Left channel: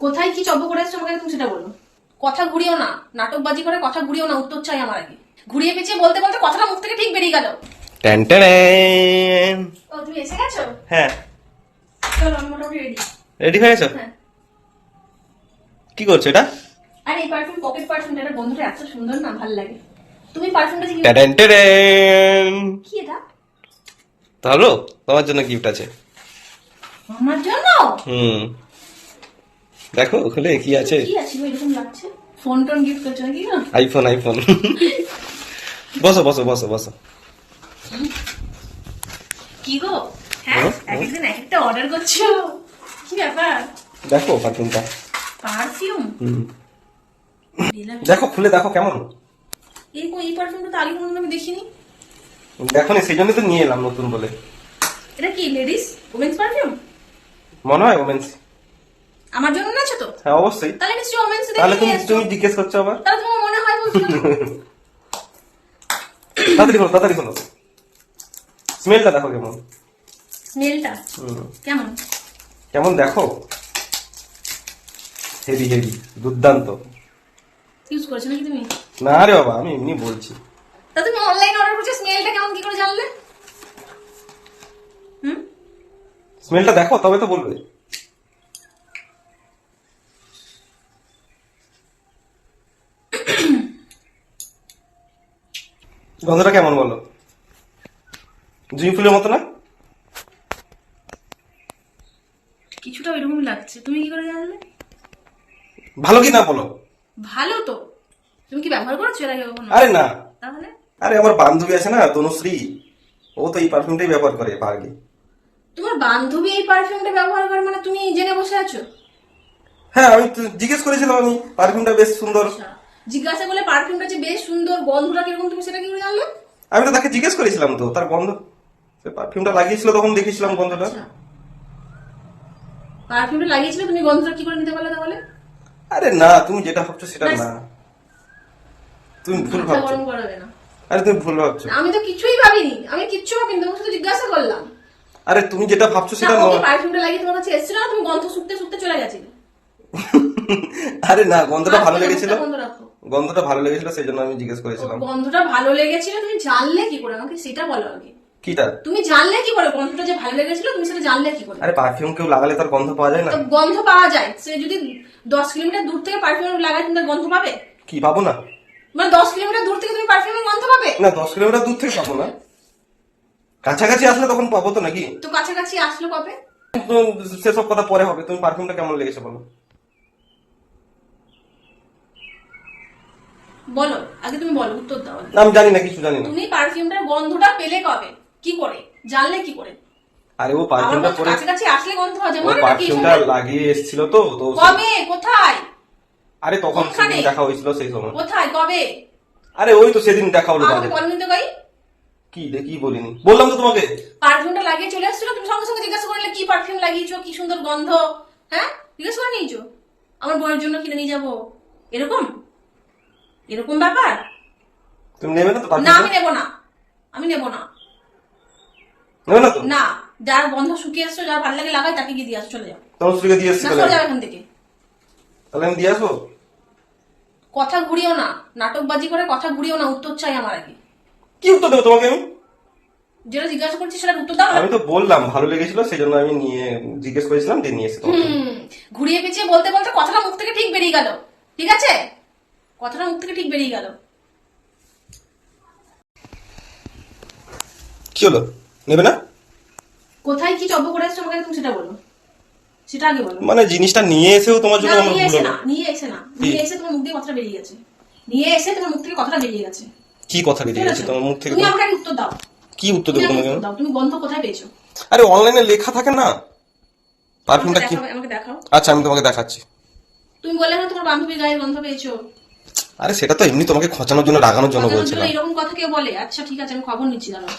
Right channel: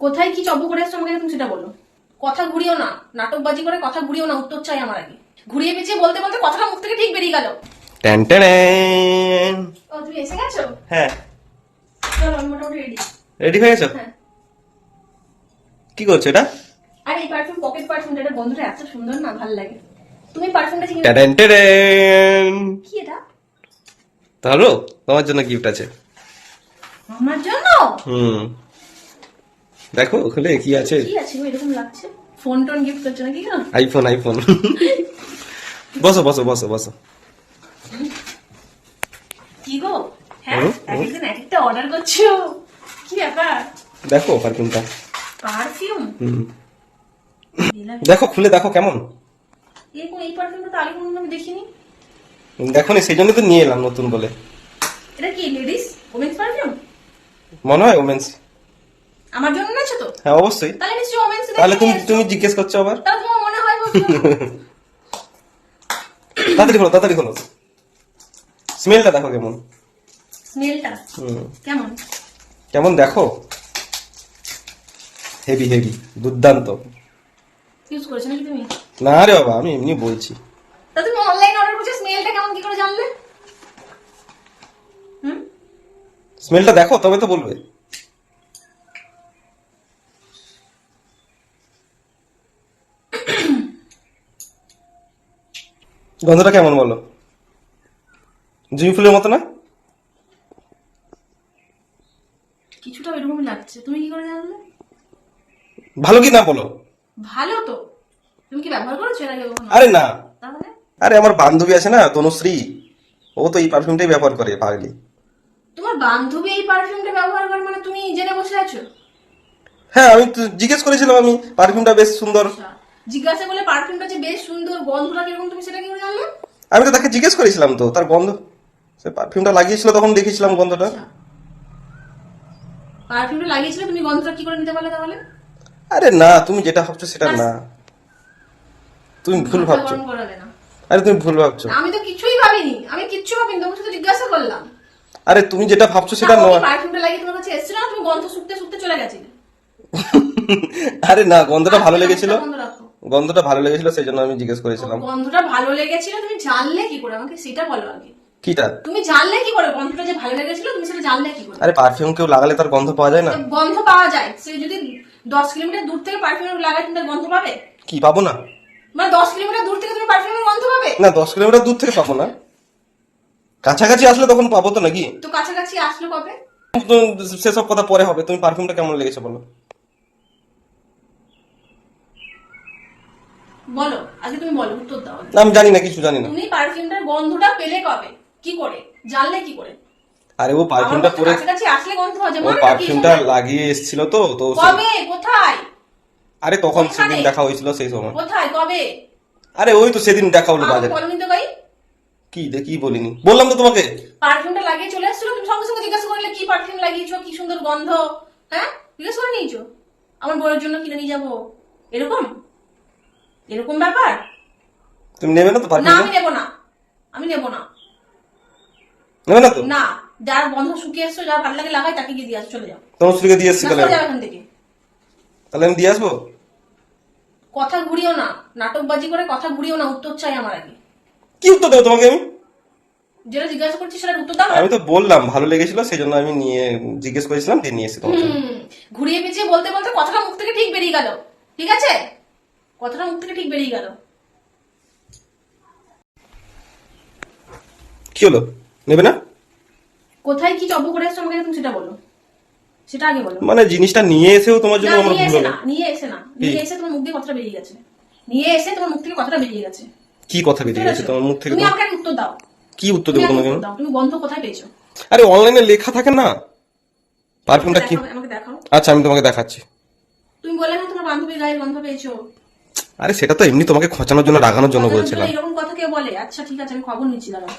কোথায় কি চব্য করে এসছো আমাকে তুমি সেটা বলো। কথা ঘুরিও না নাটকবাজি করে কথা ঘুরিও না উত্তর চাই আমার আগে। ঘুরিয়ে পিছিয়ে বলতে বলতে কথাটা মুখ থেকে ঠিক বেরিয়ে গেল। ট্যান ট্যান ও তুমি এসে গেছো? হ্যাঁ। চলো আমি মোটামুটি রেডি রেডি হয়ে গেছো? হ্যাঁ। কি করছ এটা? আর এই পারফিউম পকেট পারফিউমটা এটা বন্ধুটা এত সুন্দর না ভালো লাগে। তুমি পারফিউমটা চিনি ট্যান ট্যান কি এটা? ভালো তোমার জন্য গিফট আছে। আমার জন্য? হুম। দেখো খুলে কি আছে? কি আছে? এরকম লাগছে। ফোন টোন গিফট করছ নাকি? গো? আইফোন আইফোন বসো বসো বসো বসো। কি গো? হ্যাঁ একদিন একটা অর্ডার করছ? কি ব্যাপার? দেখো পারফিউমটা পারফিউম দেখো খুলে দেখো কেমন। এই এই পারফিউমটা তো আগে কোনোদিন আমি দেখিনি। দেখো নি সেই জন্য তো নিয়ে এলাম নতুন বলে। এটা কি লেডিস ওমেন্স পারফিউম মনে হয় ওমেন্স আমার জন্য নিয়েছো তো? হ্যাঁ অবশ্যই। তাহলে নিশ্চয়ই ওমেন্স তাহলে তুমি তুমি জিজ্ঞেস করছ আবার? তাহলে তোমার মনে হয় বলছো। তাড়াতাড়ি খোলো তাড়াতাড়ি খোলো। স্মেলটা দেখো কেমন। স্মেলটা? কেমন? কেমন দেখো? হেভি হেভি দুর্দান্ত। ইউজ করেছ নাকি তুমি? না রে বাবা আমি এমনি বলছি। তা তুমি অনলাইন অর্ডার করছ স্মেলটা কেমন কি করে জানলে? হুম? স্মেলটা দেখো তবে তো বলবে। গন্ধটা কেমন বলো? জুঁই ফুলের মতো না? কিছুটা ওইরকমই লাগছে। তুমি কি করে জানলে? ভালো কি না বলো? ভালো তো। তুমি কি ব্যবহার করেছ এর আগে কখনো? আরে না। তাহলে? আরে আমার বান্ধবী আছে না তনুশ্রী ও তো এই পারফিউমটাই ব্যবহার করে পাগলি তোমার বান্ধবী এই পারফিউমটা ব্যবহার করে মানে তুমি জেনে বসে আছো? হ্যাঁ আমি তো জিজ্ঞেস করেছিলাম আমি পারফিউমটা বেশ সুন্দর। আচ্ছা, জিজ্ঞাসা করলে পারফিউমটা যে বেশ সুন্দর গন্ধটা কীরকম তুমি সেটা কি করে জানলে? আমি তো তাকে জিজ্ঞেস করেছিলাম তো তার গন্ধ সে পারফিউমটা লাগিয়েছিল তখন দেখেছিলাম গন্ধটা। আচ্ছা। পারফিউমটা লাগিয়েছিলে তুমি গন্ধটা কি করে নিতে পারলে তাহলে? আরে না তুমি যেটা ভাবছ সেটা না। তুমি ভুল ভাবছ। আরে তুমি ভুল ভাবছ। আমি তো কিছুই ভাবিনি আমি কিচ্ছু ভাবিনি তোমাকে শুধু জিজ্ঞাসা করলাম। আরে তুমি যেটা ভাবছ সেটা না, নয় পারফিউমটা লাগিয়ে তোমার কাছে এসেছিল না? তুমি গন্ধ শুকতে শুকতে চলে গেছিলে। আরে না গন্ধটা ভালো আচ্ছা, লেগেছিল। গন্ধ রাখো। গন্ধটা ভালো লেগেছিল সেই জন্য আমি জিজ্ঞেস করেছিলাম। গন্ধটা ভালো লেগেছিল তুমি জানলে কি করে? আমাকে সেটা বলো আগে। কিটা? তুমি জানলে কি করে গন্ধটা যে ভালো লেগেছিল? তুমি সেটা জানলে কি করে? আরে পারফিউম কেউ লাগালে তার গন্ধ পাওয়া যায় না? গন্ধ পাওয়া যায়। সে যদি দশ কিলোমিটার দূর থেকে পারফিউম লাগায় তুমি তার গন্ধ পাবে? কি পাবো না? মানে দশ কিলোমিটার দূর থেকে তুমি পারফিউমের গন্ধ পাবে? না দশ কিলোমিটার দূর থেকে পাবো না। কাছাকাছি আসলে তখন পাবো তো নাকি? তো কাছাকাছি আসলো কবে? সেসব কথা পরে হবে। তুমি পারফিউমটা কেমন লেগেছে বলো? বলো আগে তুমি বলো উত্তর দাও আমি জানি না কিছু জানি না। তুমি পারফিউমটার গন্ধটা পেলে কবে? কি করে? জানলে কি করে? আরে ও পারফিউমটা পরে কাছাকাছি আসলে গন্ধ হয় যেমন পারফিউমটা লাগিয়ে এসেছিল তো তো কবে? কোথায়? আরে তখন সেদিন দেখা হয়েছিল সেই সময়। কোথায়? কবে? আরে ওই তো সেদিন দেখা হলো বাজারে বলনি তো ভাই। কি দে কি বলিনি? বললাম তো তোমাকে। পারফিউমটা লাগিয়ে চলে আসছিল তুমি সঙ্গে সঙ্গে জিজ্ঞাসা করলে কি পারফিউম লাগিয়েছো? কি সুন্দর গন্ধ? হ্যাঁ? জিজ্ঞাসা করে নিয়েছো আমার বউয়ের জন্য কিনে নিয়ে যাব। এরকম? এরকম ব্যাপার? তুমি নেবে না তো না আমি নেব না। আমি নেব না। নেবে না তো? না যার গন্ধ শুকিয়ে এসছো যার ভালো লাগে লাগাই তাকে গিয়ে দিয়ে চলে যাও। তোমার স্ত্রীকে দিয়ে তাহলে? চলে যাও এখান থেকে। তাহলে আমি দিয়ে আসব? কথা ঘুরিও না। নাটকবাজি করে কথা ঘুরিও না উত্তর চাই আমার আগে। কি উত্তর দেবো তোমাকে আমি? যেটা জিজ্ঞাসা করছি সেটার উত্তর দাও আমি তো বললাম ভালো লেগেছিল সেই জন্য আমি নিয়ে জিজ্ঞেস করেছিলাম দিয়ে নিয়ে এসেছি ঘুরিয়ে পিছিয়ে বলতে বলতে কথাটা মুখ থেকে ঠিক বেরিয়ে গেল। ঠিক আছে? কথাটা মুখ থেকে ঠিক বেরিয়ে গেল। কি হলো? নেবে না? কোথায় কি জব্দ করে এসছো আমাকে তুমি সেটা বলো। সেটা আগে বলো। মানে জিনিসটা নিয়ে এসেও তোমার জন্য আমার ভুল না নিয়ে এসে না। নিয়ে এসে তোমার মুখ দিয়ে কথাটা বেরিয়ে গেছে। নিয়ে এসে তোমার মুখ থেকে কথাটা বেরিয়ে গেছে। কি কথা বেরিয়ে গেছে? তোমার মুখ থেকে তুমি আমাকে উত্তর দাও। কি উত্তর দেবো তোমাকে? তুমি গন্ধ কোথায় পেয়েছ? আরে অনলাইনে লেখা থাকে না? পারফিউমটা কি? আমাকে দেখাও। আচ্ছা আমি তোমাকে দেখাচ্ছি। তুমি বলে না তোমার বান্ধবী গায়ের গন্ধ পেয়েছ। আরে সেটা তো এমনি তোমাকে খোঁচানোর জন্য রাগানোর জন্য বলছিলাম এরকম কথা কে বলে? আচ্ছা ঠিক আছে আমি খবর নিচ্ছি দাঁড়াও।